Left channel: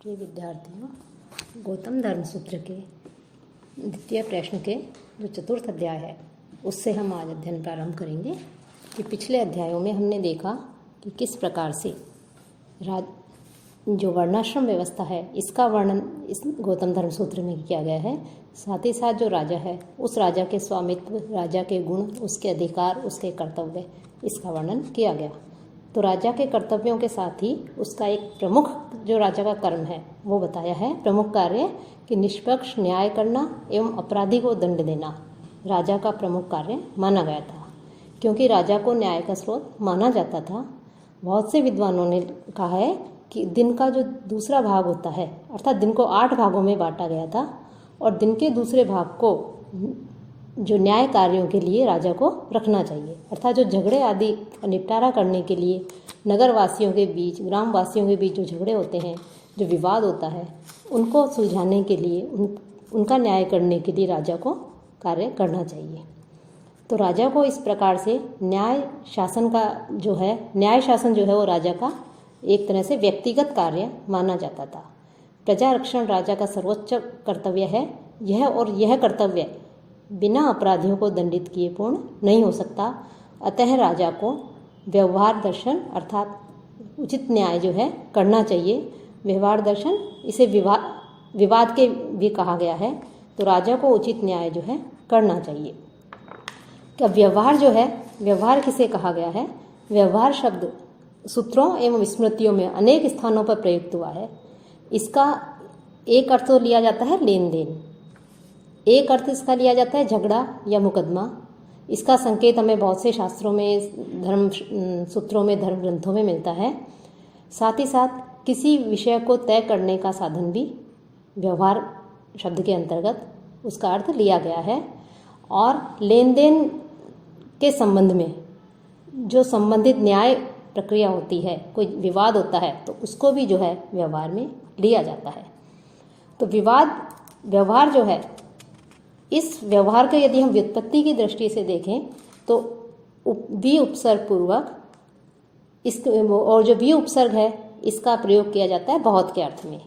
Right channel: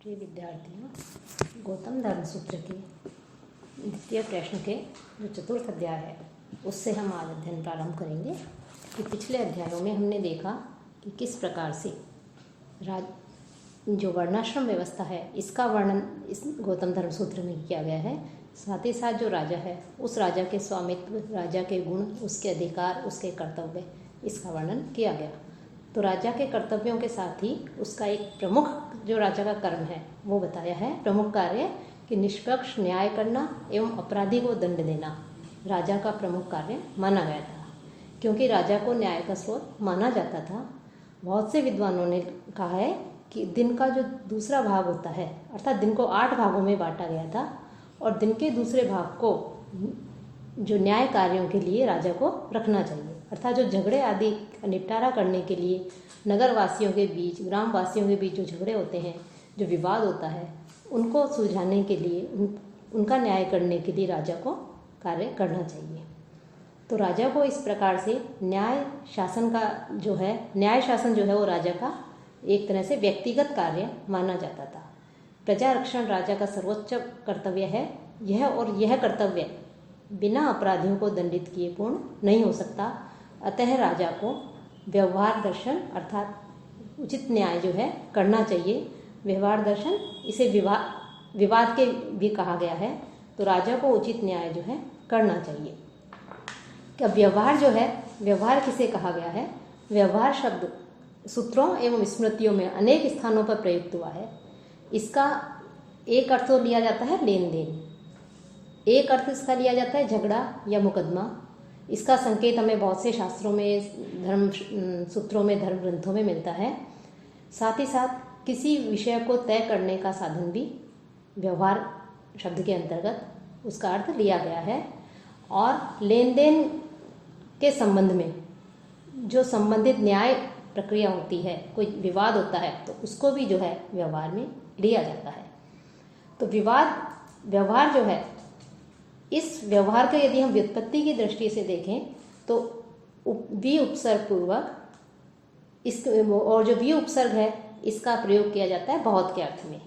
प्रिय विद्यार्थियों, गौतम धर्म सूत्र के द्वितीय प्रश्न के जो चतुर्थ अध्याय है उससे हम आज अध्ययन प्रारंभ करेंगे कि पिछले अध्यायों में हमने देखा कि किस प्रकार से जो वर्णाश्रम व्यवस्था है इसका वर्णन इस गौतम धर्म सूत्र में किया गया है। साथ ही साथ जो राजा है उस राजा के स्वामित्व, राजा के गुण, उसके अधिकार, उसके कर्तव्य, इसका वर्णन किया गया। तो राजा के कर्तव्यों के साथ ही उसका एक प्रमुख जो राजा का कर्म है वो बताया है। प्रमुख कार्य कि निष्पक्ष न्याय करना एवं अपराधी को दंड देना राजा का प्रमुख कार्य माना गया था, क्योंकि राजा को न्याय का स्रोत माना जाता था। बहुत से विद्वानों ने कहा है कि दिन का जो दूसरा भाग होता है, अर्थात दिन को 8 भागों में बांटा गया था और दिन के दूसरे भाग को जो न्याय कार्यों के लिए राजा को रखना चाहिए, अर्थात जो झगड़े आदि निपटारा करने के लिए नगर वासियों के बीच, ग्राम वासियों के बीच जो झगड़े होते हैं, जो विवाद होता है, उनको सुलझाने के लिए, उनका न्याय करने के लिए राजा को कार्य करना चाहिए। तो राजा को इस प्रकार से न्याय शासन जो है वो राजा का एक तरह से व्यक्तिगत कार्य माना जाता था। प्रजा रक्षण राजा का सर्वोच्च कर्तव्य है। यह कर्तव्य बिना अपराधियों को दंडित किए पूर्ण नहीं हो सकता। अतः राजा को व्यवहार दर्शन अर्थात उचित न्याय जो है करना चाहिए। व्यवहार दर्शन इसे विवाद के भी कहा गया है। तो राजा को उचित न्याय जो है करना चाहिए। क्या व्यवहार जो है, व्यवहार किसे कहा गया है? व्यवहार शब्द सूत्रों एवं स्मृतियों में अनेक स्थानों पर प्रयुक्त हुआ है। इसका एक अर्थ तो लिया जाता है लेन देन, एक अर्थ इसका लिया जाता है झगड़ा या मुकदमा। इसका संकेत हमें बहुत से शास्त्रों में, धर्म सूत्रों में, धर्म ग्रंथों में मिलता है। साथ ही साथ किसी विषय को तय करने का साधन भी व्यवहार शब्द के अंतर्गत उसका अर्थ लिया गया है। और लेन देन के संबंध में जो संबंधित न्याय प्रक्रिया होती है, कोई विवाद होता है तो उसको भी जो है व्यवहार में लिया जाता है। तो व्यवहार जो है, इस व्यवहार के यदि हम व्युत्पत्ति की दृष्टि से देखें तो भी उपसर्ग पूर्वक और जो भी उपसर्ग है इसका प्रयोग किया जाता है बहुत के अर्थ में,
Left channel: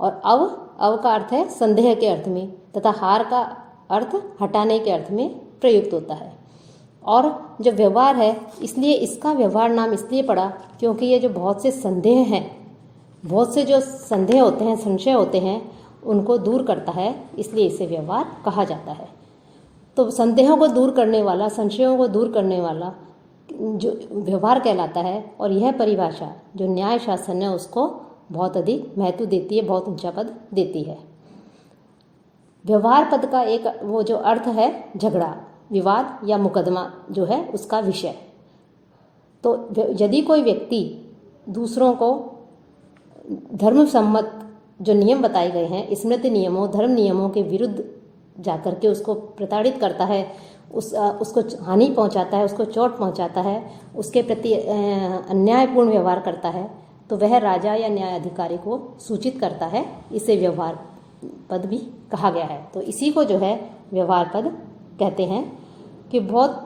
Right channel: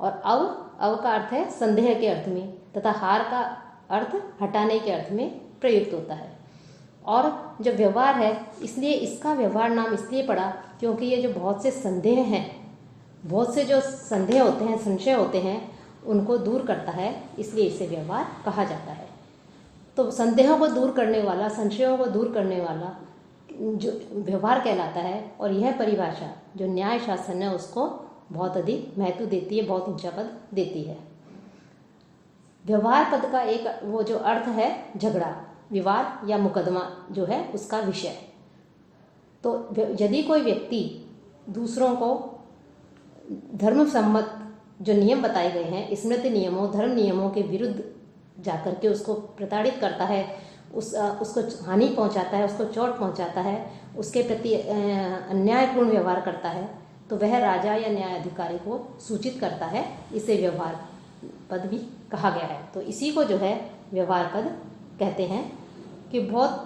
और अव का अर्थ है संदेह के अर्थ में, तथा हार का अर्थ हटाने के अर्थ में प्रयुक्त होता है। और जो व्यवहार है, इसलिए इसका व्यवहार नाम इसलिए पड़ा क्योंकि ये जो बहुत से संदेह हैं, बहुत से जो संदेह होते हैं, संशय होते हैं, उनको दूर करता है, इसलिए इसे व्यवहार कहा जाता है। तो संदेहों को दूर करने वाला, संशयों को दूर करने वाला जो व्यवहार कहलाता है। और यह परिभाषा जो न्याय शासन है उसको बहुत अधिक महत्व देती है, बहुत ऊंचा पद देती है। व्यवहार पद का एक वो जो अर्थ है झगड़ा, विवाद या मुकदमा जो है उसका विषय। तो यदि कोई व्यक्ति दूसरों को धर्म सम्मत जो नियम बताए गए हैं, स्मृति नियमों, धर्म नियमों के विरुद्ध जाकर के उसको प्रताड़ित करता है, उसको हानि पहुंचाता है, उसको चोट पहुंचाता है, उसके प्रति अन्यायपूर्ण व्यवहार करता है, तो वह राजा या न्याय अधिकारी को सूचित करता है। इसे व्यवहार पद भी कहा गया है। तो इसी को जो है व्यवहार पद कहते हैं। कि बहुत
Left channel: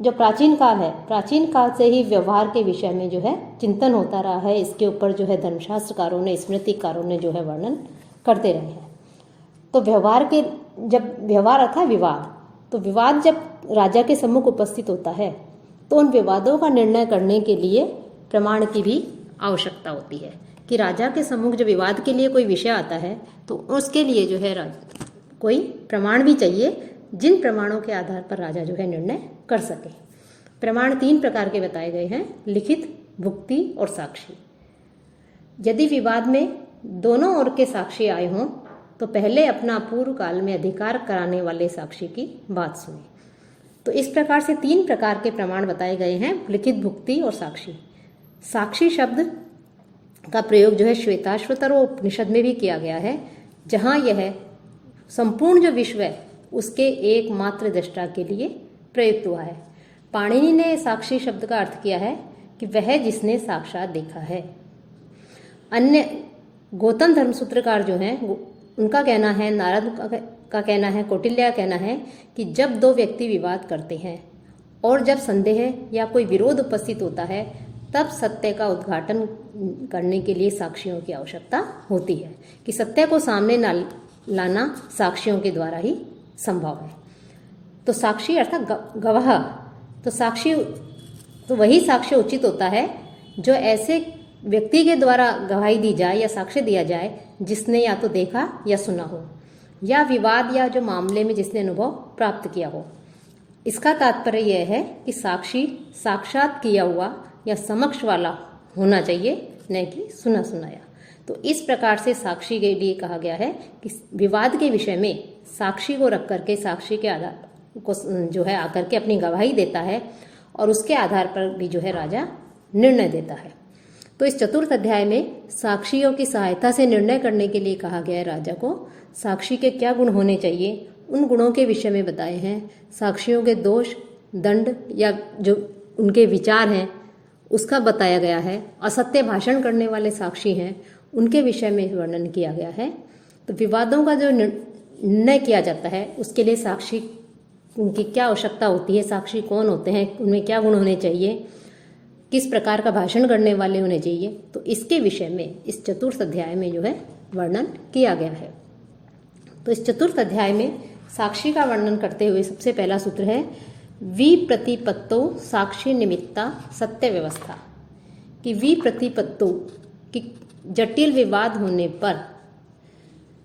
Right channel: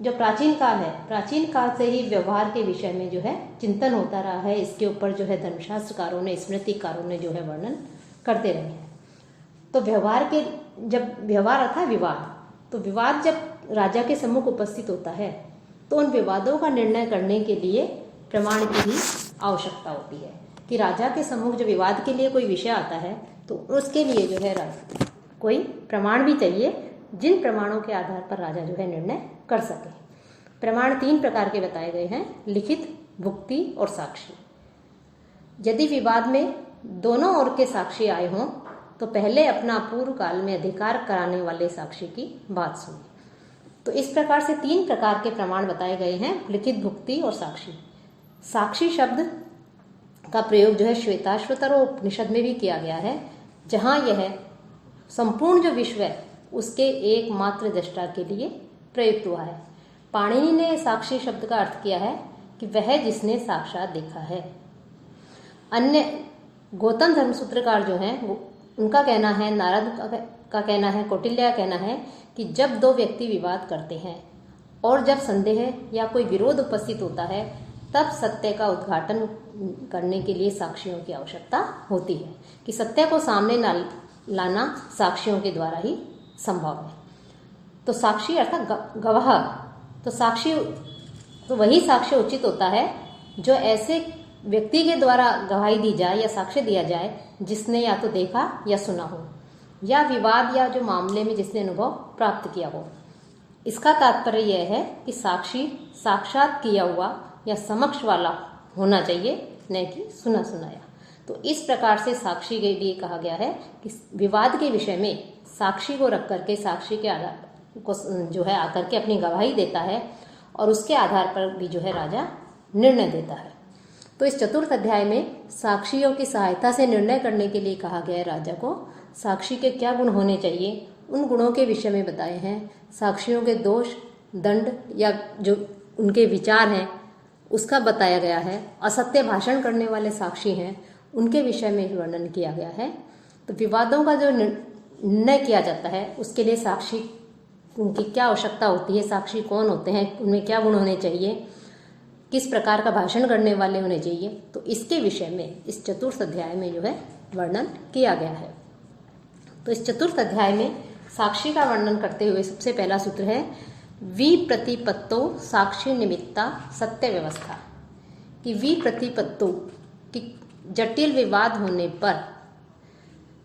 जो प्राचीन काल है, प्राचीन काल से ही व्यवहार के विषय में जो है चिंतन होता रहा है। इसके ऊपर जो है धर्मशास्त्रकारों ने, स्मृतिकारों ने जो है वर्णन करते रहे हैं। तो जब व्यवहार था विवाद, तो विवाद जब राजा के सम्मुख उपस्थित होता है तो उन विवादों का निर्णय करने के लिए प्रमाण की भी आवश्यकता होती है। कि राजा के सम्मुख जो विवाद के लिए कोई विषय आता है तो उसके लिए जो है कोई प्रमाण भी चाहिए, जिन प्रमाणों के आधार पर राजा जो है निर्णय कर सके। प्रमाण 3 प्रकार के बताए गए हैं: लिखित, भुक्ति और साक्षी। यदि विवाद में दोनों ओर के साक्षी आए हों तो पहले अपना पूर्व काल में अधिकार कराने वाले साक्षी की बात सुने। तो इस प्रकार से 3 प्रकार के प्रमाण बताए गए हैं: लिखित, भुक्ति और साक्षी। साक्षी शब्द का प्रयोग जो है श्वेताश्वतर और उपनिषद में भी किया गया है, जहाँ यह संपूर्ण जो विश्व है उसके एकमात्र दृष्टा के लिए प्रयुक्त हुआ है। पाणिनि ने साक्षी शब्द का अर्थ किया है कि वह जिसने साक्षात देखा है। अन्य गौतम धर्म सूत्रकार जो हैं उनका कहना है, नारद का कहना है, कौटिल्य का कहना है कि जब 2 व्यक्ति विवाद करते हैं और जब संदेह या कोई विरोध उपस्थित होता है तब सत्य का उद्घाटन करने के लिए साक्षियों की आवश्यकता होती है, कि सत्य को सामने लाना साक्षियों के द्वारा ही संभव है। तो साक्षी अर्थात गवाह, तो साक्षी तो वही साक्ष्य उचित होता है जो ऐसे व्यक्ति के द्वारा गवाही दी जाए या साक्ष्य दिया जाए जिसने या तो देखा या सुना हो, या विवाद या जो मामले में जिसने अनुभव प्राप्त किया हो। इसका तात्पर्य यह है कि साक्षी साक्षात किया हुआ या समक्ष वाला होना चाहिए, न कि सुना सुनाया। तो इस प्रकार से साक्षी के लिए कहा गया है कि विवाद के विषय में साक्षी को रख करके साक्षी के आधार को जो है आकर के अपनी गवाही देता है, और उसके आधार पर भी जो है राजा निर्णय देता है। तो इस चतुर्थ अध्याय में साक्षियों की सहायता से निर्णय करने के लिए कहा गया है राजा को। साक्षी के क्या गुण होने चाहिए, उन गुणों के विषय में बताए हैं। साक्षियों के दोष, दंड या जो उनके विचार हैं उसका बताया गया है। असत्य भाषण करने वाले साक्षी हैं, उनके विषय में वर्णन किया गया है। तो विवादों का जो निर्णय किया जाता है उसके लिए साक्षी की क्या आवश्यकता होती है, साक्षी कौन होते हैं, उनमें क्या गुण होने चाहिए, किस प्रकार का भाषण करने वाले होने चाहिए, तो इसके विषय में इस चतुर्थ अध्याय में जो है वर्णन किया गया है। तो इस चतुर्थ अध्याय में साक्षी का वर्णन करते हुए सबसे पहला सूत्र है विप्रतिपत्तो साक्षी निमित्ता सत्य व्यवस्था, कि विप्रतिपत्तो कि जटिल विवाद होने पर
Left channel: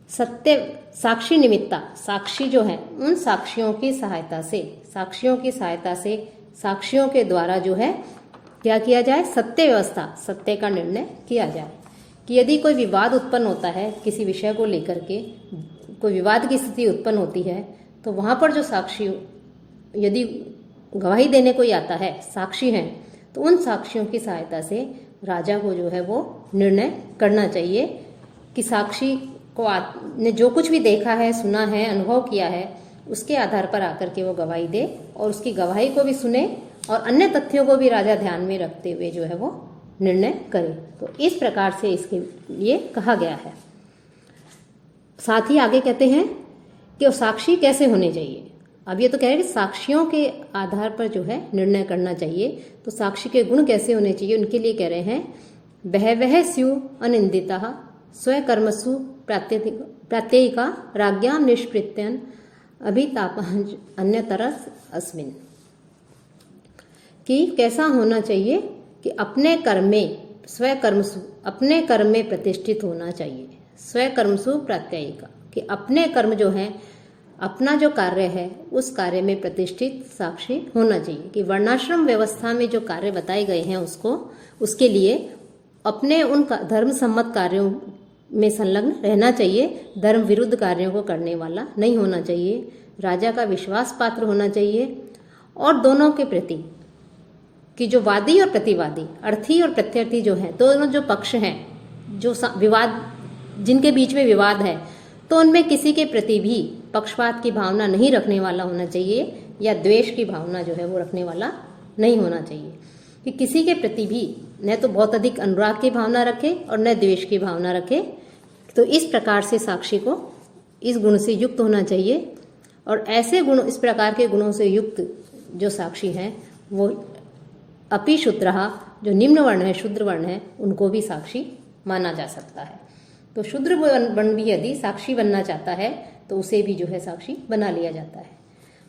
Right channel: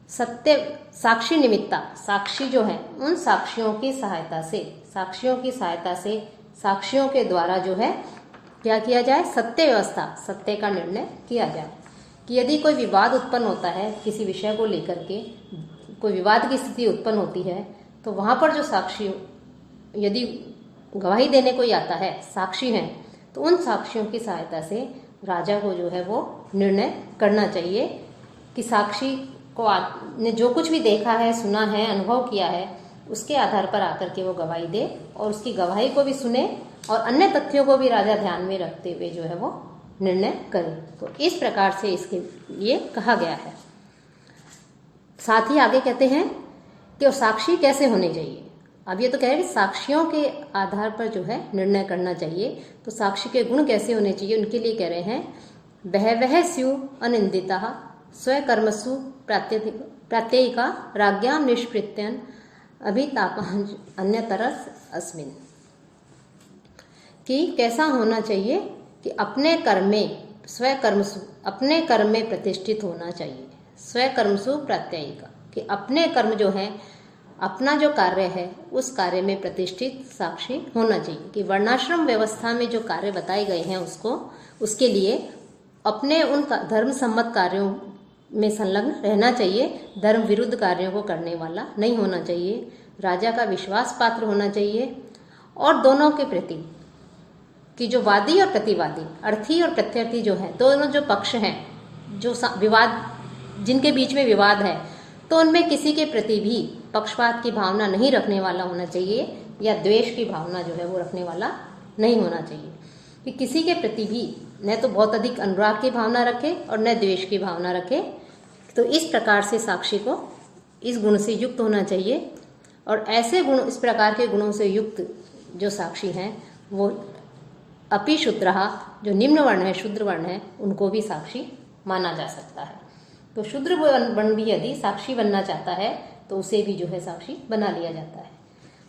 सत्य साक्षी निमित्ता, साक्षी जो है उन साक्षियों की सहायता से, साक्षियों के द्वारा जो है क्या किया जाए, सत्य व्यवस्था, सत्य का निर्णय किया जाए। कि यदि कोई विवाद उत्पन्न होता है, किसी विषय को लेकर के कोई विवाद की स्थिति उत्पन्न होती है, तो वहाँ पर जो साक्षी यदि गवाही देने कोई आता है, साक्षी हैं, तो उन साक्षियों की सहायता से राजा को जो है वो निर्णय करना चाहिए कि साक्षी को ने जो कुछ भी देखा है, सुना है, अनुभव किया है, उसके आधार पर आकर के वो गवाही दे, और उसकी गवाही को भी सुने और अन्य तथ्यों को भी राजा ध्यान में रखते हुए जो है वो निर्णय करे। तो इस प्रकार से इसके लिए कहा गया है। साथ ही आगे कहते हैं कि साक्षी कैसे होने चाहिए। अब ये तो कह रहे हैं कि साक्षियों के आधार पर जो है निर्णय करना चाहिए, तो साक्षी के गुण कैसे होने चाहिए, उनके लिए कह रहे हैं बहवः स्यु अनिंदिता स्वकर्मसु प्रत्ययिका राज्ञां निष्पृत्यन अभितापः अन्यतरस अस्मिन्, कि कैसा होना चाहिए कि अपने कर्म में स्वकर्मसु, अपने कर्म में प्रतिष्ठित होना चाहिए। स्वकर्मसु प्रत्ययिका, कि अपने कर्म जो है, अपना जो कार्य है उस कार्य में प्रतिष्ठित साक्षी होना चाहिए। कि वर्णाश्रम व्यवस्था में जो कार्य बताए गए हैं उसके लिए अपने उन धर्म सम्मत कार्यों में संलग्न रहना चाहिए, धर्म विरुद्ध कार्यों को करने वाला नहीं होना चाहिए, राजा का विश्वास पात्र होना चाहिए, और दोनों के प्रति कि जो वादी और प्रतिवादी, अर्थी और प्रत्यर्थी जो है, दोनों जो पक्ष हैं, जो विवाद जिनके बीच में विवाद है, तो उनमें किसी के प्रति भी पक्षपात की भावना नहीं रखने वाला होना चाहिए, या द्वेष की भावना जो है वो रखने वाला नहीं होना चाहिए। कि किसी के प्रति भी न तो बहुत अधिक अनुराग की भावना रखे और न द्वेष की भावना रखे। तो इस प्रकार से साक्षी को इस गुण से युक्त होना चाहिए, और ऐसे गुण, इस प्रकार के गुणों से युक्त जो साक्षी हैं वो अपि शूद्रः, जो निम्न वर्ण है, शूद्र वर्ण है, उनको भी साक्षी माना जा सकता है। तो शूद्र वर्ण भी यदि साक्षी बनना चाहता है तो उसे भी जो है साक्षी बना लिया जाता है।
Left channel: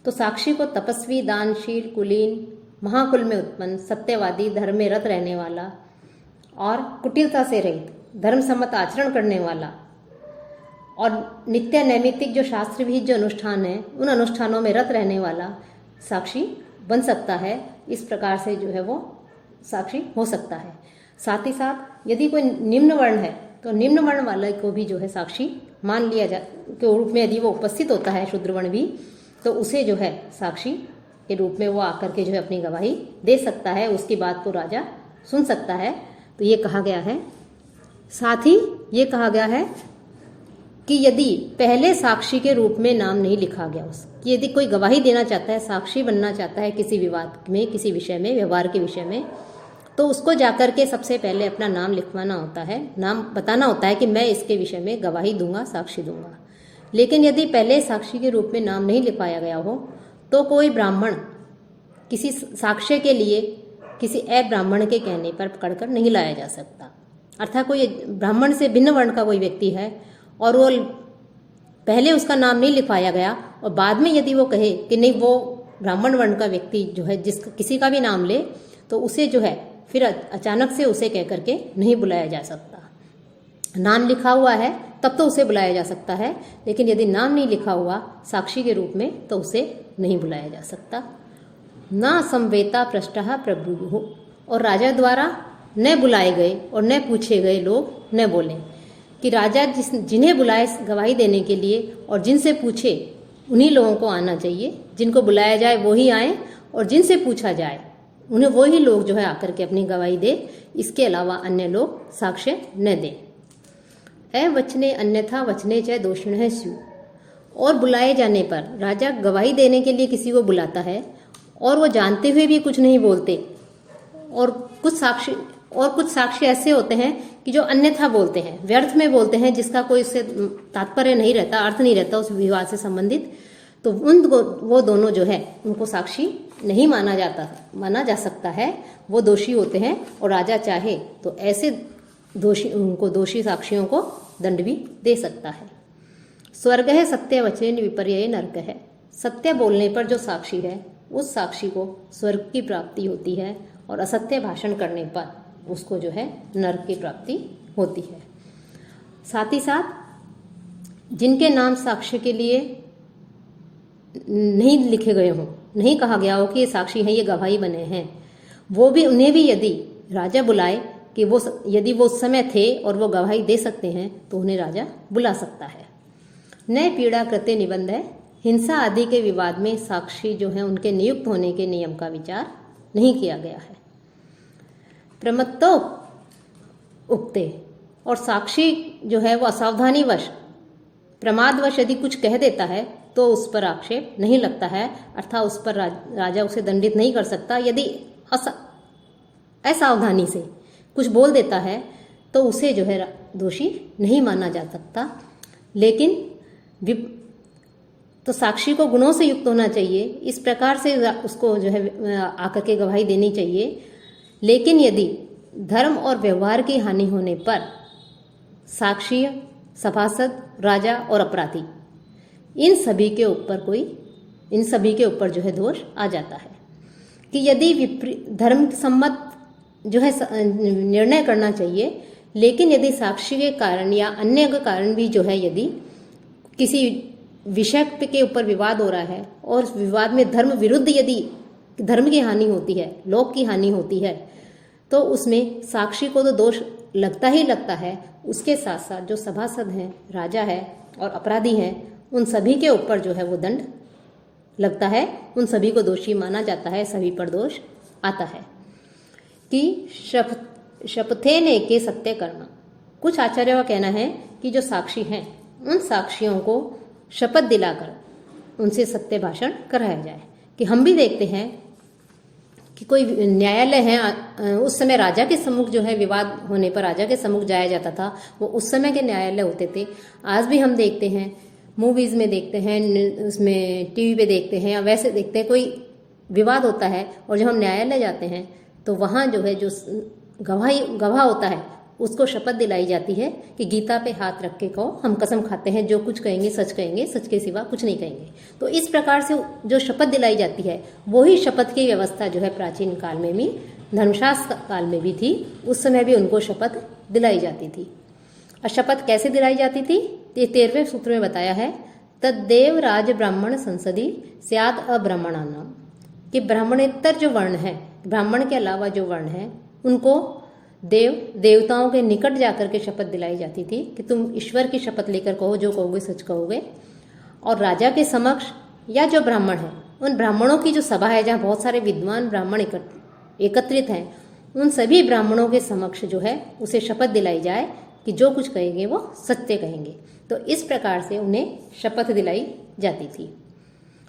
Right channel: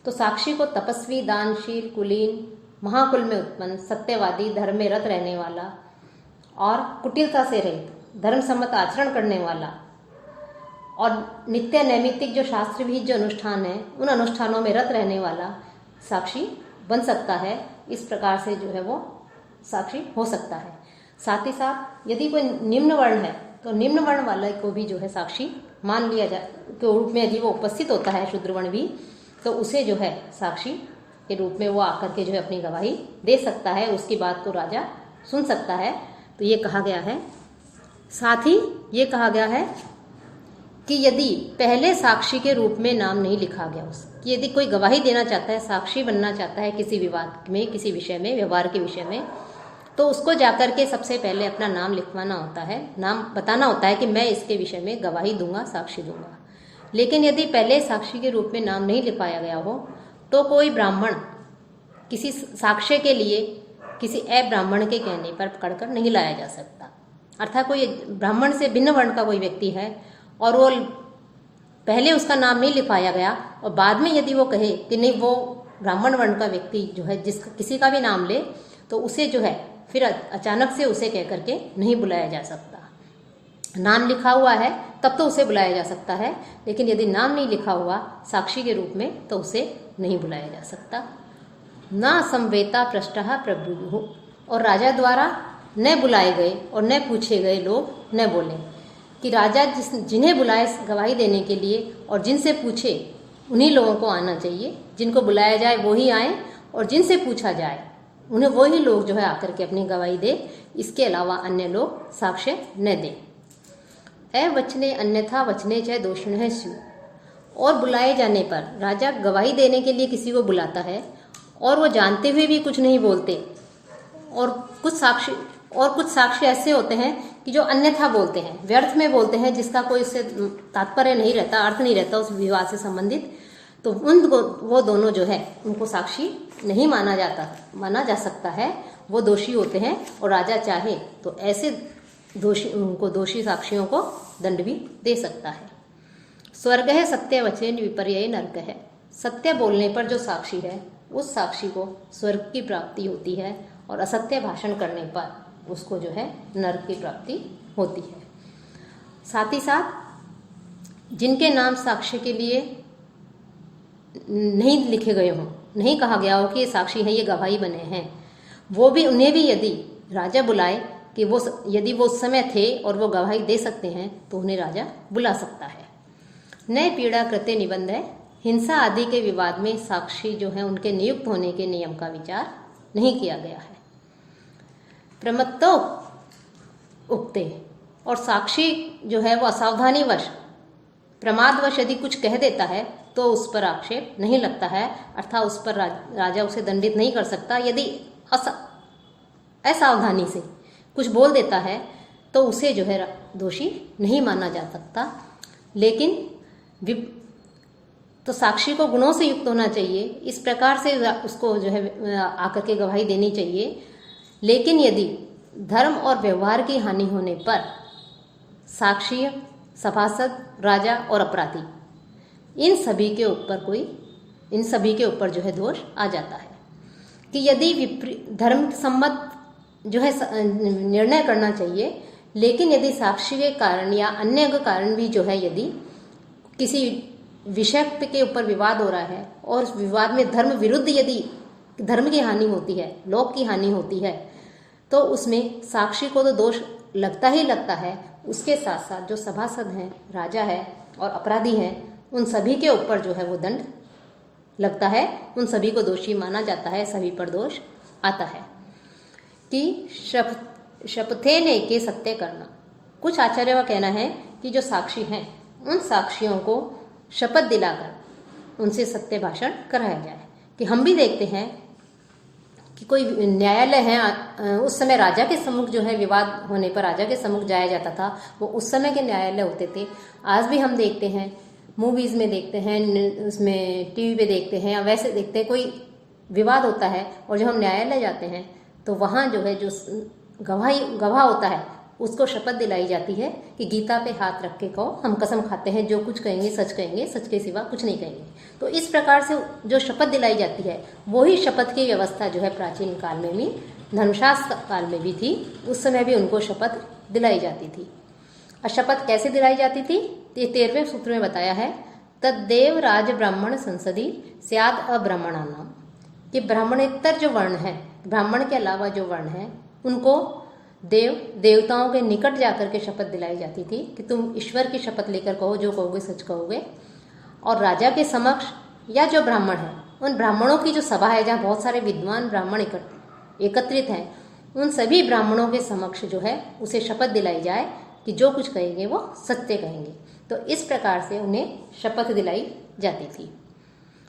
तो साक्षी को तपस्वी, दानशील, कुलीन, महाकुल में उत्पन्न, सत्यवादी, धर्म में रत रहने वाला और कुटिलता से रहित, धर्म सम्मत आचरण करने वाला और नित्य नैमित्तिक जो शास्त्र विहित जो अनुष्ठान है उन अनुष्ठानों में रत रहने वाला साक्षी बन सकता है। इस प्रकार से जो है वो साक्षी हो सकता है। साथ ही साथ यदि कोई निम्न वर्ण है तो निम्न वर्ण वाले को भी जो है साक्षी मान लिया के रूप में, यदि वो उपस्थित होता है शूद्र वर्ण भी, तो उसे जो है साक्षी के रूप में वो आकर के जो है अपनी गवाही दे सकता है, उसकी बात को राजा सुन सकता है। तो ये कहा गया है। साथ ही ये कहा गया है कि यदि पहले साक्षी के रूप में नाम नहीं लिखा गया कि यदि कोई गवाही देना चाहता है, साक्षी बनना चाहता है किसी विवाद में, किसी विषय में, व्यवहार के विषय में, तो उसको जाकर के सबसे पहले अपना नाम लिखवाना होता है, नाम बताना होता है कि मैं इसके विषय में गवाही दूंगा, साक्षी दूंगा। लेकिन यदि पहले साक्षी के रूप में नाम नहीं लिखवाया गया हो तो कोई ब्राह्मण किसी साक्ष्य के लिए किसी अब्राह्मण के कहने पर पकड़कर नहीं लाया जा सकता। अर्थात कोई ब्राह्मण से भिन्न वर्ण का कोई व्यक्ति है और वो पहले उसका नाम नहीं लिखवाया गया और बाद में यदि वो कहे कि नहीं वो ब्राह्मण वर्ण का व्यक्ति जो है जिसका किसी का भी नाम ले, तो उसे जो है फिर अचानक से उसे कह करके नहीं बुलाया जा सकता। नाम लिखा हुआ है तब तो उसे बुलाया जा सकता है, लेकिन यदि नाम नहीं लिखा हुआ साक्षी के रूप में तो उसे नहीं बुलाया जा सकता। न संवेता पृष्ठः प्रभु, और राजा द्वारा न बुलाए गए और न पूछे गए लोग न बोलें कि राजा जिन्हें बुलाए गवाही देने के लिए और जिनसे पूछे उन्हीं लोगों को आना चाहिए। जिनको बुलाया जाए वो ही आए और जिनसे पूछा जाए उन्हें वही लोग जो है आकर के अपनी गवाही दे, इसके अलावा अन्य लोग साक्ष्य न दें। वचने अन्यथा वचने च दोषिणः स्युः, और बुलाए जाने पर राजा गवाही देने के लिए किसी को बुलाता है और वो जानते हुए भी कुछ नहीं बोलते, और कुछ साक्षी ऐसे होते हैं कि जो अन्यथा बोलते हैं, व्यर्थ में बोलते हैं, जिसका कोई उससे तात्पर्य नहीं रहता, अर्थ नहीं रहता उस विवाद से संबंधित, तो वो दोनों जो है उनको साक्षी नहीं माना जा सकता है, वो दोषी होते हैं। और राजा चाहे तो ऐसे दोषी साक्षियों को दंड भी दे सकता है। स्वर्ग है सत्य वचन विपर्य नरक है, सत्य बोलने पर जो साक्षी है उस साक्षी को स्वर्ग की प्राप्ति होती है और असत्य भाषण करने पर उसको जो है नरक की प्राप्ति होती है। साथ ही साथ जिनके नाम साक्ष्य के लिए नहीं लिखे गए हों, नहीं कहा गया हो कि ये साक्षी है, ये गवाही बने हैं, वो भी उन्हें भी यदि राजा बुलाए कि यदि वो उस समय थे और वो गवाही दे सकते हैं तो उन्हें राजा बुला सकता है। नए पीड़ा कृत्य निबंध है, हिंसा आदि के विवाद में साक्षी जो है उनके नियुक्त होने के नियम का विचार नहीं किया गया है। प्रमत्तो उक्ते, और साक्षी जो है वो असावधानीवश प्रमादवश यदि कुछ कह देता है तो उस पर आक्षेप नहीं लगता है, अर्थात उस पर राजा उसे दंडित नहीं कर सकता। यदि असावधानी से कुछ बोल देता है तो उसे जो है दोषी नहीं माना जा सकता। लेकिन तो साक्षी को गुणों से युक्त होना चाहिए, इस प्रकार से उसको जो है आकर के गवाही देनी चाहिए। लेकिन यदि धर्म और व्यवहार की हानि होने पर साक्षी, सभासद, राजा और अपराधी इन सभी के ऊपर जो है दोष आ जाता है कि यदि धर्म सम्मत जो है निर्णय करना चाहिए, लेकिन यदि साक्षी के कारण या अन्य कारण भी जो है यदि किसी विषय के ऊपर विवाद हो रहा है और उस विवाद में धर्म विरुद्ध यदि धर्म की हानि होती है, लोक की हानि होती है, तो उसमें साक्षी को तो दोष लगता ही लगता है। उसके साथ साथ जो सभासद हैं, राजा है और अपराधी हैं, उन सभी के ऊपर जो है वो दंड लगता है, उन सभी को दोषी माना जाता है, सभी पर दोष आता है। कि शपथे ने के सत्य करना, कुछ आचार्यों का कहना है कि जो साक्षी हैं उन साक्षियों को शपथ दिलाकर उनसे सत्य भाषण कराया जाए। कि हम भी देखते हैं कि कोई न्यायालय है, उस समय राजा के सम्मुख जो है विवाद होने पर राजा के सम्मुख जाया जाता था, वो उस समय के न्यायालय होते थे। आज भी हम देखते हैं, मूवीज़ में देखते हैं, उसमें टीवी पे देखते हैं या वैसे देखते हैं, कोई विवाद होता है और जब हम न्यायालय जाते हैं तो वहाँ जो है जो गवाह होता है उसको शपथ दिलाई जाती है कि गीता पे हाथ रख के कहो, हम कसम खाते हैं जो कुछ कहेंगे, सच के सिवा कुछ नहीं कहेंगे। तो इस प्रकार से जो शपथ दिलाई जाती है वही शपथ की व्यवस्था जो है प्राचीन काल में भी, धर्मशास्त्र काल में भी थी। उस समय भी उनको शपथ दिलाई जाती थी। और शपथ कैसे दिलाई जाती थी, ये 13वें सूत्र में बताया है। तद्देव राज ब्राह्मण संसदी स्याद अब्राह्मणानाम, कि ब्राह्मणेतर जो वर्ण है, ब्राह्मण के अलावा जो वर्ण है, उनको देवताओं के निकट जाकर के शपथ दिलाई जाती थी कि तुम ईश्वर की शपथ लेकर कहो, जो कहोगे सच कहोगे। और राजा के समक्ष या जो ब्राह्मण है, उन ब्राह्मणों की जो सभा है जहाँ बहुत सारे विद्वान ब्राह्मण एकत्रित हैं, उन सभी ब्राह्मणों के समक्ष जो है उसे शपथ दिलाई जाए कि जो कुछ कहेंगे वो सत्य कहेंगे। तो इस प्रकार से उन्हें शपथ दिलाई जाती थी।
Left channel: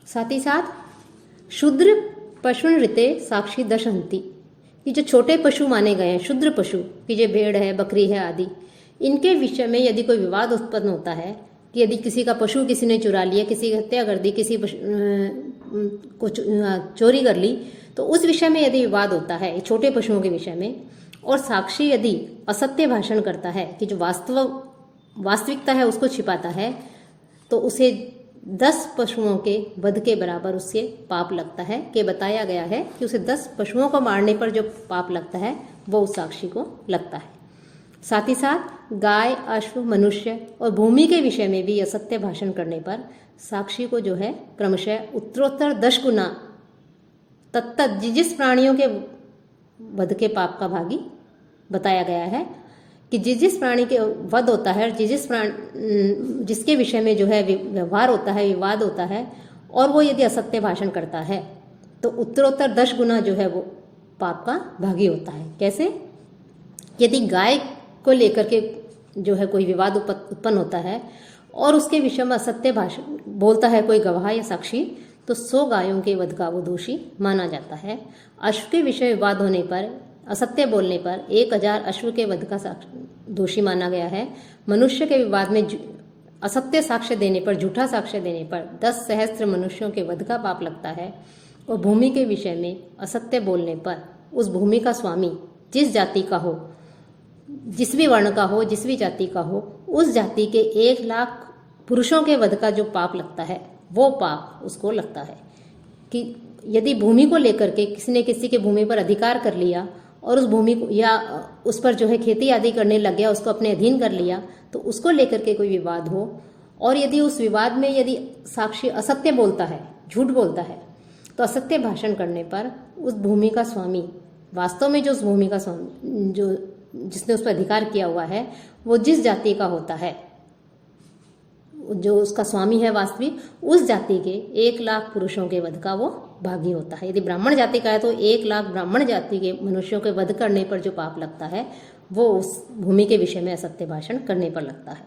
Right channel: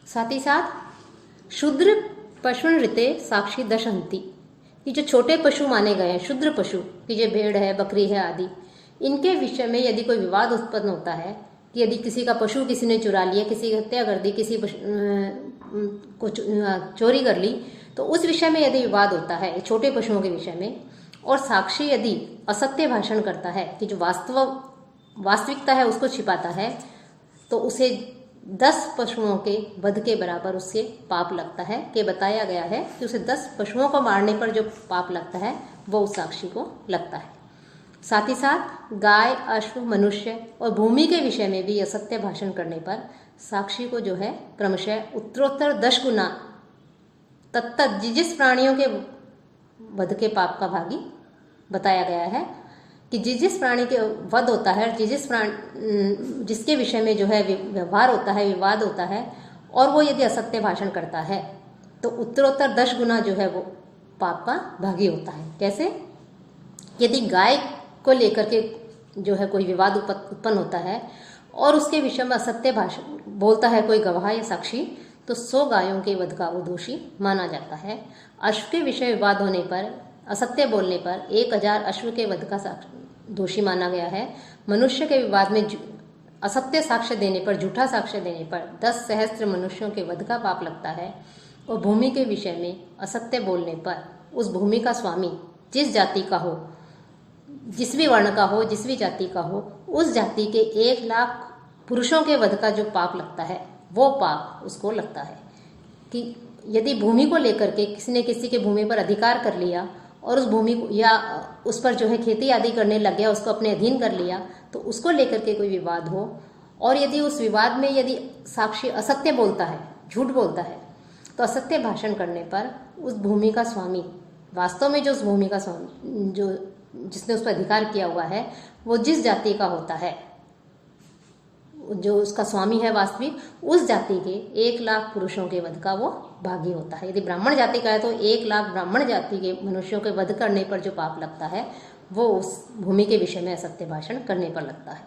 साथ ही साथ शूद्र पशुन ऋते साक्षी दशहंती, कि जो छोटे पशु माने गए हैं, शूद्र पशु कि जो भेड़ है, बकरी है आदि, इनके विषय में यदि कोई विवाद उत्पन्न होता है कि यदि किसी का पशु किसी ने चुरा लिया, किसी की हत्या कर दी, किसी को चोरी कर ली, तो उस विषय में यदि विवाद होता है छोटे पशुओं के विषय में, और साक्षी यदि असत्य भाषण करता है कि जो वास्तविकता है उसको छिपाता है, तो उसे 10 पशुओं के वध के बराबर उससे पाप लगता है। कि बताया गया है कि उसे 10 पशुओं को मारने पर जो पाप लगता है वो उस साक्षी को लगता है। साथ ही साथ गाय, अश्व, मनुष्य और भूमि के विषय में भी असत्य भाषण करने पर साक्षी को जो है क्रमशः उत्तरोत्तर 10 गुना तत्त जिस प्राणियों के वध के पाप का भागी बताया गया है कि जिस प्राणी के वध होता है, जिसके विषय में जो है व्यवहार होता है, विवाद होता है, और वो यदि असत्य भाषण करता है तो उत्तरोत्तर 10 गुना जो है वो पाप का भागी होता है। कैसे? यदि गाय को लेकर के जो है कोई विवाद उत्पन्न होता है और उसके विषय में असत्य भाषण बोलता है कोई गवाह या साक्षी, तो 100 गायों के वध का वो दोषी माना जाता है। अश्व के विषय विवाद होने पर, असत्य बोलने पर 1000 अश्व के वध का दोषी माना गया है। मनुष्य के विवाद में असत्य साक्ष्य देने पर, झूठा साक्ष्य देने पर 10 सहस्त्र मनुष्यों के वध का पाप लगता है। और भूमि के विषय में असत्य बोलने पर उस भूमि का स्वामी जिस जाति का हो, जिस भी वर्ण का हो, जिस भी जाति का हो, उस जाति के 1 लाख पुरुषों के वध का जो पाप लगता है वो पाप उसको लगता है। कि यदि भूमि को लेकर के किसी ने किसी के भूमि पर अधिकार कर लिया और उस भूमि को या उस पर जो है खेती आदि करने लग गया, उसको अपने अधीन कर लिया, तो उसको लेकर के कोई विवाद हो और यदि उस विवाद में यदि साक्षी असत्य बोलता है, झूठ बोलता है, तो असत्य भाषण करने पर उस भूमि का स्वामी, वास्तव में जो उस भूमि का स्वामी जो जिसने उस पर अधिकार किया हुआ है, वो जिस जाति का होता है, जो उसका स्वामी है वास्तविक, उस जाति के 1 लाख पुरुषों के वध का वो भागी होता है। यदि ब्राह्मण जाति का है तो 1 लाख ब्राह्मण जाति के मनुष्यों के वध करने पर जो पाप लगता है वो उस भूमि के विषय में असत्य भाषण करने पर लगता है।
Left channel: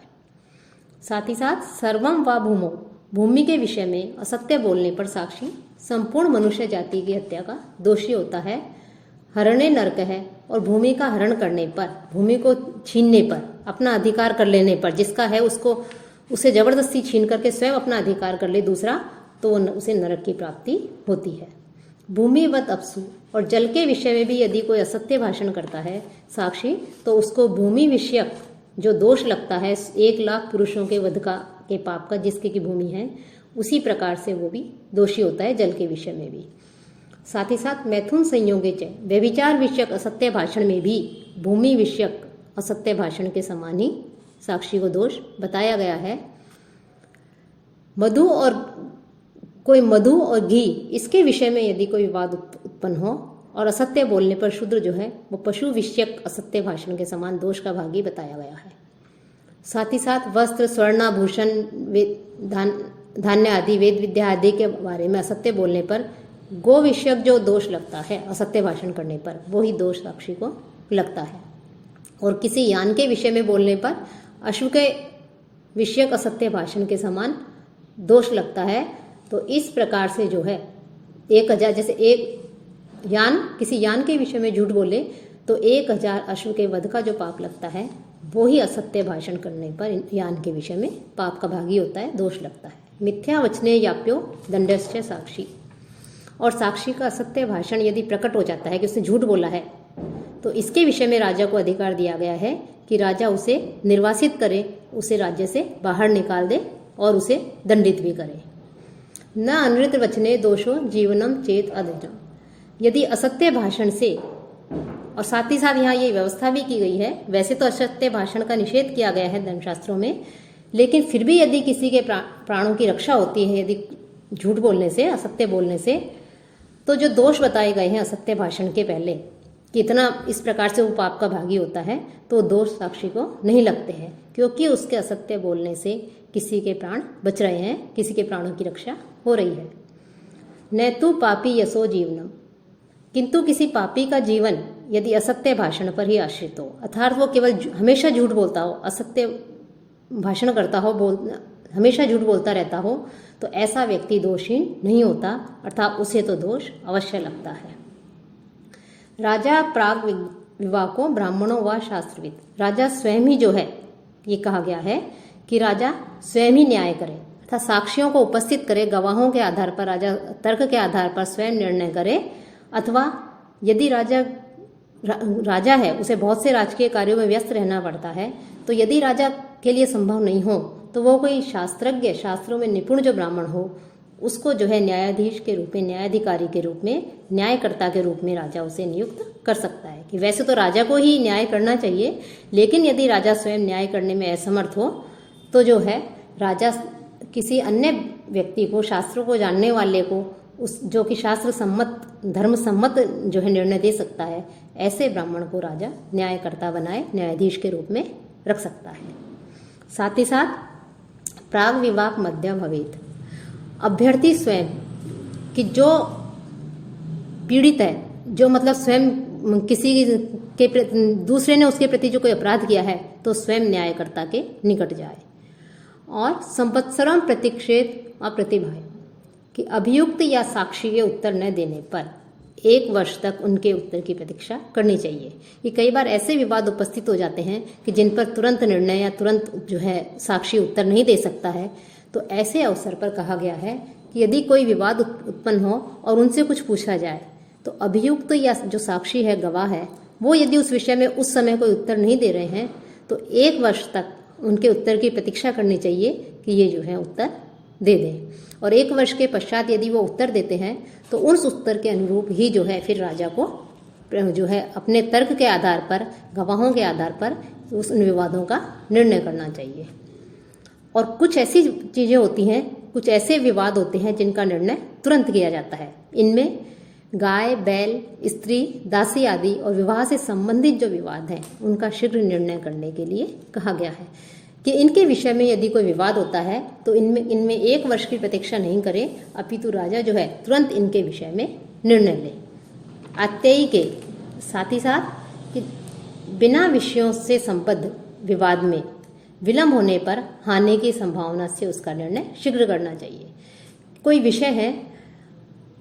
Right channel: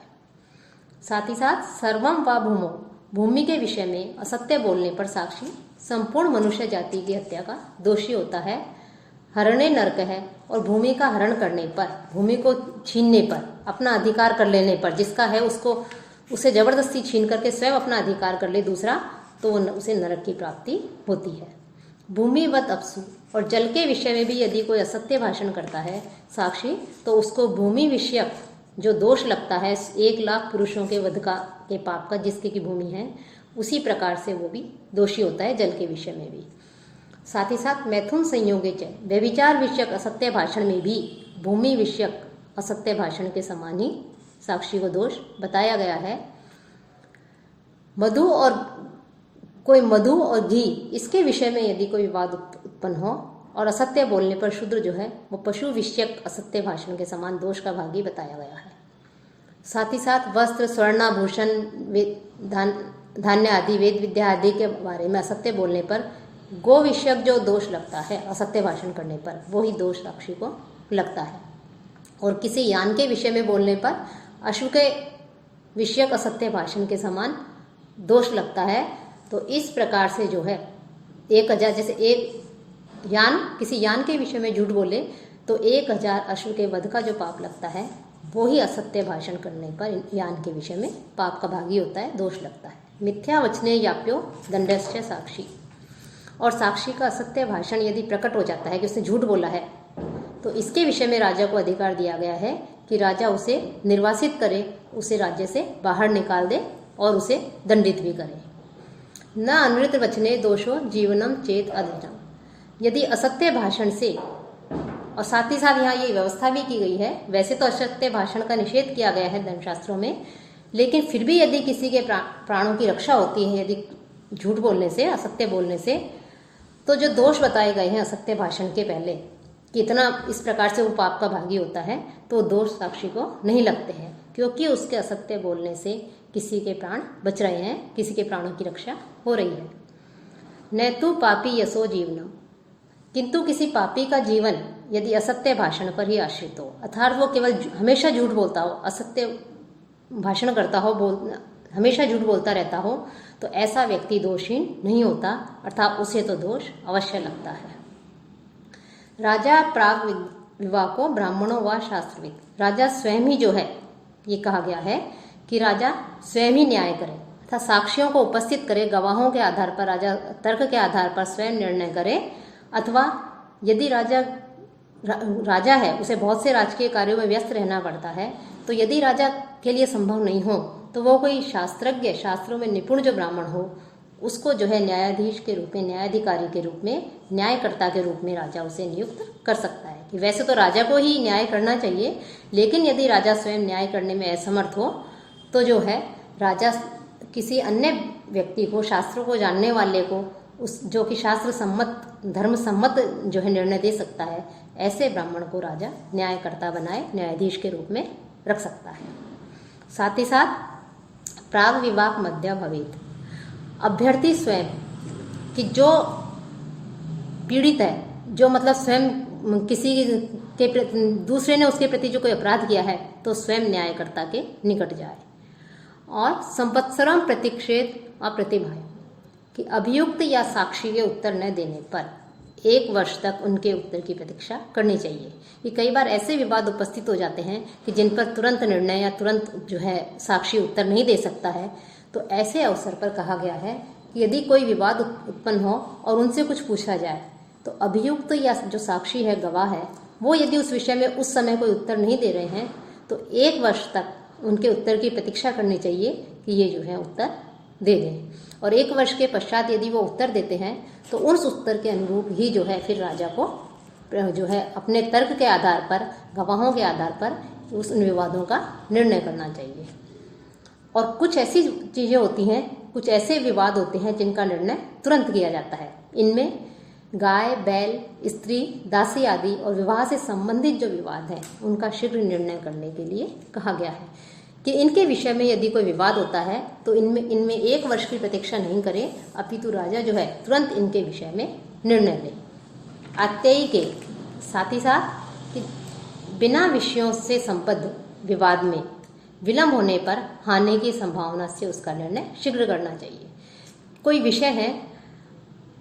साथ ही साथ सर्वम व भूमो, भूमि के विषय में असत्य बोलने पर साक्षी संपूर्ण मनुष्य जाति की हत्या का दोषी होता है। हरणे नरक है, और भूमि का हरण करने पर, भूमि को छीनने पर, अपना अधिकार कर लेने पर, जिसका है उसको उसे जबरदस्ती छीन करके स्वयं अपना अधिकार कर ले दूसरा, तो उसे नरक की प्राप्ति होती है। भूमिवत अपसु, और जल के विषय में भी यदि कोई असत्य भाषण करता है साक्षी, तो उसको भूमि विषयक जो दोष लगता है 1 लाख पुरुषों के वध का के पाप का, जिसके की भूमि है, उसी प्रकार से वो भी दोषी होता है जल के विषय में भी। साथ ही साथ मैथुन संयोगे च, व्यभिचार विषयक असत्य भाषण में भी भूमि विषयक असत्य भाषण के समान ही साक्षी को दोष बताया गया है। मधु और घी, इसके विषय में यदि कोई विवाद उत्पन्न हो और असत्य बोलने पर शूद्र जो है वो पशु विषयक असत्य भाषण के समान दोष का भागी बताया गया है। साथ ही साथ वस्त्र, स्वर्णाभूषण, धान्य आदि, वेद विद्या आदि के बारे में असत्य बोलने पर गो विषयक जो दोष लगता है असत्य भाषण करने पर, वो ही दोष साक्षी को लगता है। और किसी यान के विषय में बोलने पर अश्व के विषयक असत्य भाषण के समान दोष लगता है। तो इस प्रकार से जो है 1000, जैसे एक यान, किसी यान के विषय में झूठ बोले तो 1000 अश्व के वध का जो पाप लगता है वो ही असत्य भाषण करने पर यान के विषय में पाप का भागी होता है, दोष लगता है। मिथ्या वचने याप्यो दंडश्च साक्षी, और साक्षी का असत्य भाषण यदि प्रकट हो जाता है कि उसने झूठ बोला है, तो इसके विषय में राजा को अधिकार दिया गया है कि राजा उसे निर्वासित करे, उसे राज्य से बाहर निकाल दे और उसे दंडित भी करे। न अनृत वचने दोषो जीवनम चेत अधर्म, यदि असत्य भाषण से, और साथ ही साथ यहाँ ये व्यवस्था भी की गई है, वैसे तो असत्य भाषण का निषेध किया गया है धर्मशास्त्रों में, लेकिन फिर भी यदि किसी के प्राणों की रक्षा होती है यदि झूठ बोलने से, असत्य बोलने से, तो जो दोष बताए गए हैं असत्य भाषण के पहले कि इतना इस प्रकार से वो पाप का भागी होता है, तो दोष साक्षी को नहीं लगते हैं, क्योंकि उसके असत्य बोलने से किसी के प्राण बच रहे हैं, किसी के प्राणों की रक्षा हो रही है। नैतु पापी यशो जीवनम, किंतु किसी पापी का जीवन यदि असत्य भाषण पर ही आश्रित हो, अर्थात वो केवल हमेशा झूठ बोलता हो, असत्य भाषण करता हो, हमेशा झूठ बोलता रहता हो, तो ऐसा व्यक्ति दोषहीन नहीं होता, अर्थात उसे तो दोष अवश्य लगता है। राजा प्राग विवाको ब्राह्मणों व शास्त्रविद, राजा स्वयं ही जो है, ये कहा गया है कि राजा स्वयं ही न्याय करे, अर्थात साक्षियों को उपस्थित करे, गवाहों के आधार पर, राजा तर्क के आधार पर स्वयं निर्णय करे, अथवा यदि राजा है, उसे बहुत से राजकीय कार्यों में व्यस्त रहना पड़ता है, तो यदि राजा के लिए संभव नहीं हो तो वो कोई शास्त्रज्ञ, शास्त्रों में निपुण जो ब्राह्मण हो, उसको जो है न्यायाधीश के रूप में, न्यायाधिकारी के रूप में, न्यायकर्ता के रूप में राजा उसे नियुक्त कर सकता है। कि वैसे तो राजा को ही न्याय करना चाहिए, लेकिन यदि राजा स्वयं न्याय करने में असमर्थ हो तो जो है राजा किसी अन्य व्यक्ति को, शास्त्रों को जानने वाले को, उस जो कि शास्त्र सम्मत, धर्म सम्मत जो है निर्णय दे सकता है, ऐसे ब्राह्मण को राजा न्यायकर्ता बनाए, न्यायाधीश के रूप में रख सकता है। साथ ही साथ प्राग विवाह मध्य भवेत, अभ्यर्थी स्वयं कि जो पीड़ित है, जो मतलब स्वयं किसी के दूसरे ने उसके प्रति जो कोई अपराध किया है, तो स्वयं न्यायकर्ता के निकट जाए। और संवत्सरम प्रतिक्षेत अप्रतिभाय, कि अभियुक्त या साक्षी के उत्तर न देने पर 1 वर्ष तक उनके उत्तर की प्रतीक्षा करनी चाहिए। कि कई बार ऐसे विवाद उपस्थित हो जाते हैं कि जिन पर तुरंत निर्णय या तुरंत जो है साक्षी उत्तर नहीं दे सकता है, तो ऐसे अवसर पर कहा गया है कि यदि कोई विवाद उत्पन्न हो और उनसे कुछ पूछा जाए, तो अभियुक्त या जो साक्षी है, गवाह है, वो यदि उस विषय में उस समय कोई उत्तर नहीं दे रहे हैं, तो 1 वर्ष तक उनके उत्तर की प्रतीक्षा करनी चाहिए कि ये जो है उत्तर दे दें। और 1 वर्ष के पश्चात यदि वो उत्तर देते हैं, तो उस उत्तर के अनुरूप ही जो है फिर राजा को जो है अपने तर्क के आधार पर, गवाहों के आधार पर उस उन विवादों का निर्णय करना चाहिए। और कुछ ऐसी चीज़ें होती हैं, कुछ ऐसे विवाद होते हैं जिनका निर्णय तुरंत किया जाता है। इनमें गाय, बैल, स्त्री, दासी आदि और विवाह से संबंधित जो विवाद हैं, उनका शीघ्र निर्णय करने के लिए कहा गया है कि इनके विषय में यदि कोई विवाद होता है तो इनमें 1 वर्ष की प्रतीक्षा नहीं करें, अपितु राजा जो है तुरंत इनके विषय में निर्णय ले। आत्तेयी के साथ ही साथ कि बिना विषयों से संबद्ध विवाद में विलंब होने पर हानि की संभावना से उसका निर्णय शीघ्र करना चाहिए। कोई विषय है,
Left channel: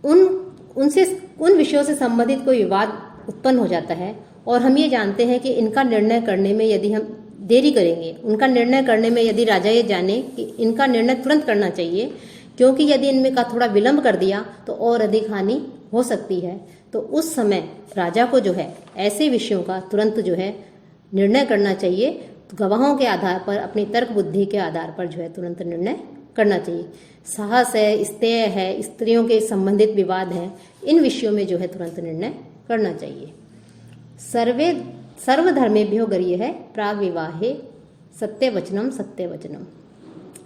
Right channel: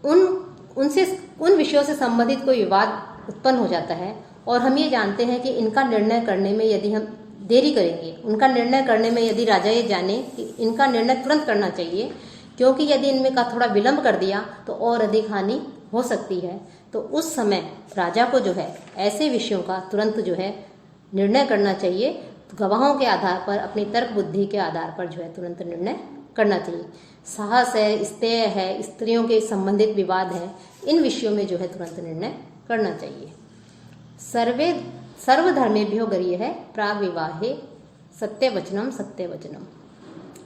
उन विषयों से संबंधित कोई विवाद उत्पन्न हो जाता है और हम ये जानते हैं कि इनका निर्णय करने में यदि हम देरी करेंगे, उनका निर्णय करने में यदि राजा ये जाने कि इनका निर्णय तुरंत करना चाहिए, क्योंकि यदि इनमें का थोड़ा विलंब कर दिया तो और अधिक हानि हो सकती है, तो उस समय राजा को जो है ऐसे विषयों का तुरंत जो है निर्णय करना चाहिए। गवाहों के आधार पर, अपनी तर्क बुद्धि के आधार पर जो है तुरंत निर्णय करना चाहिए। साहस है, स्तेय है, स्त्रियों के संबंधित विवाद हैं, इन विषयों में जो है तुरंत निर्णय करना चाहिए। सर्वधर्मेभ्यो गरीय है प्राग विवाहे सत्यवचनम सत्यवचनम।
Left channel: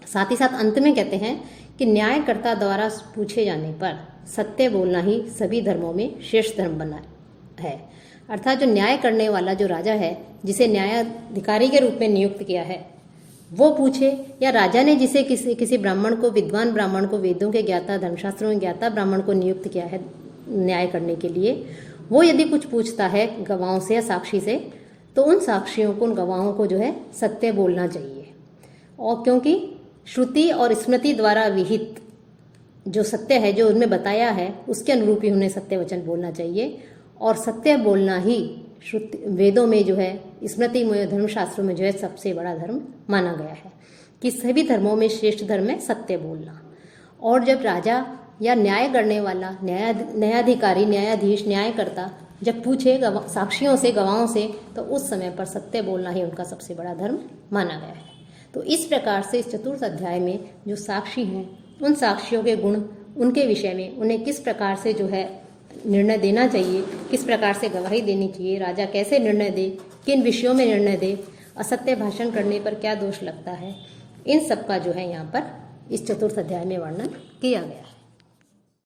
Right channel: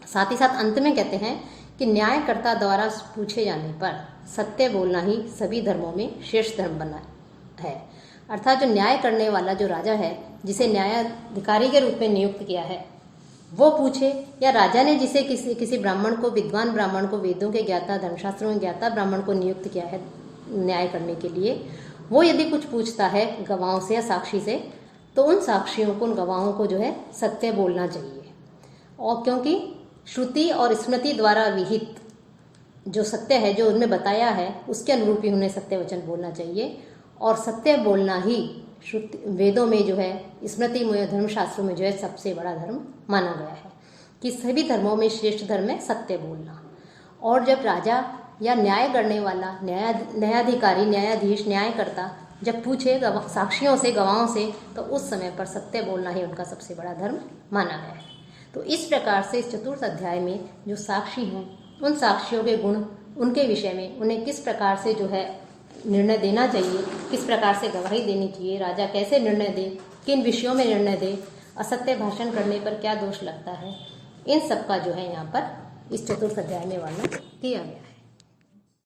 साथ ही साथ अंत में कहते हैं कि न्यायकर्ता द्वारा पूछे जाने पर सत्य बोलना ही सभी धर्मों में श्रेष्ठ धर्म बना है। अर्थात जो न्याय करने वाला जो राजा है, जिसे न्यायाधिकारी के रूप में नियुक्त किया है, वो पूछे, या राजा ने जिसे किसी ब्राह्मण को, विद्वान ब्राह्मण को, वेदों के ज्ञाता, धर्मशास्त्रों के ज्ञाता ब्राह्मण को नियुक्त किया है न्याय करने के लिए, वो यदि कुछ पूछता है गवाहों से या साक्षी से, तो उन साक्षियों को, उन गवाहों को जो है सत्य बोलना चाहिए। और क्योंकि श्रुति और स्मृति द्वारा विहित जो सत्य है, जो उनमें बताया है, उसके अनुरूप ही उन्हें सत्य वचन बोलना चाहिए। और सत्य बोलना ही श्रुति, वेदों में जो है, स्मृति में, धर्मशास्त्रों में जो है सबसे बड़ा धर्म माना गया है कि सभी धर्मों में श्रेष्ठ धर्म है सत्य बोलना। और जब राजा या न्याय करने वाला न्यायाधिकारी, न्यायाधीश, न्यायकर्ता जब पूछे साक्षियों से, गवाहों से, तो उस समय पर सत्य बोलना ही उनका सबसे बड़ा धर्म माना गया है। तो इस प्रकार से इस 4th अध्याय में जो साक्षी हैं, उन साक्षियों के गुण, उनके विषय में उन्हें किस प्रकार से जो है निर्णय देना चाहिए, किस प्रकार से गवाही देनी चाहिए, राजा कैसे निर्णय दे, किन विषयों में निर्णय दे, असत्य भाषण करने पर क्या दोष लगता है, इन सब का जो है यहाँ पर इस 4th अध्याय में वर्णन किया गया है।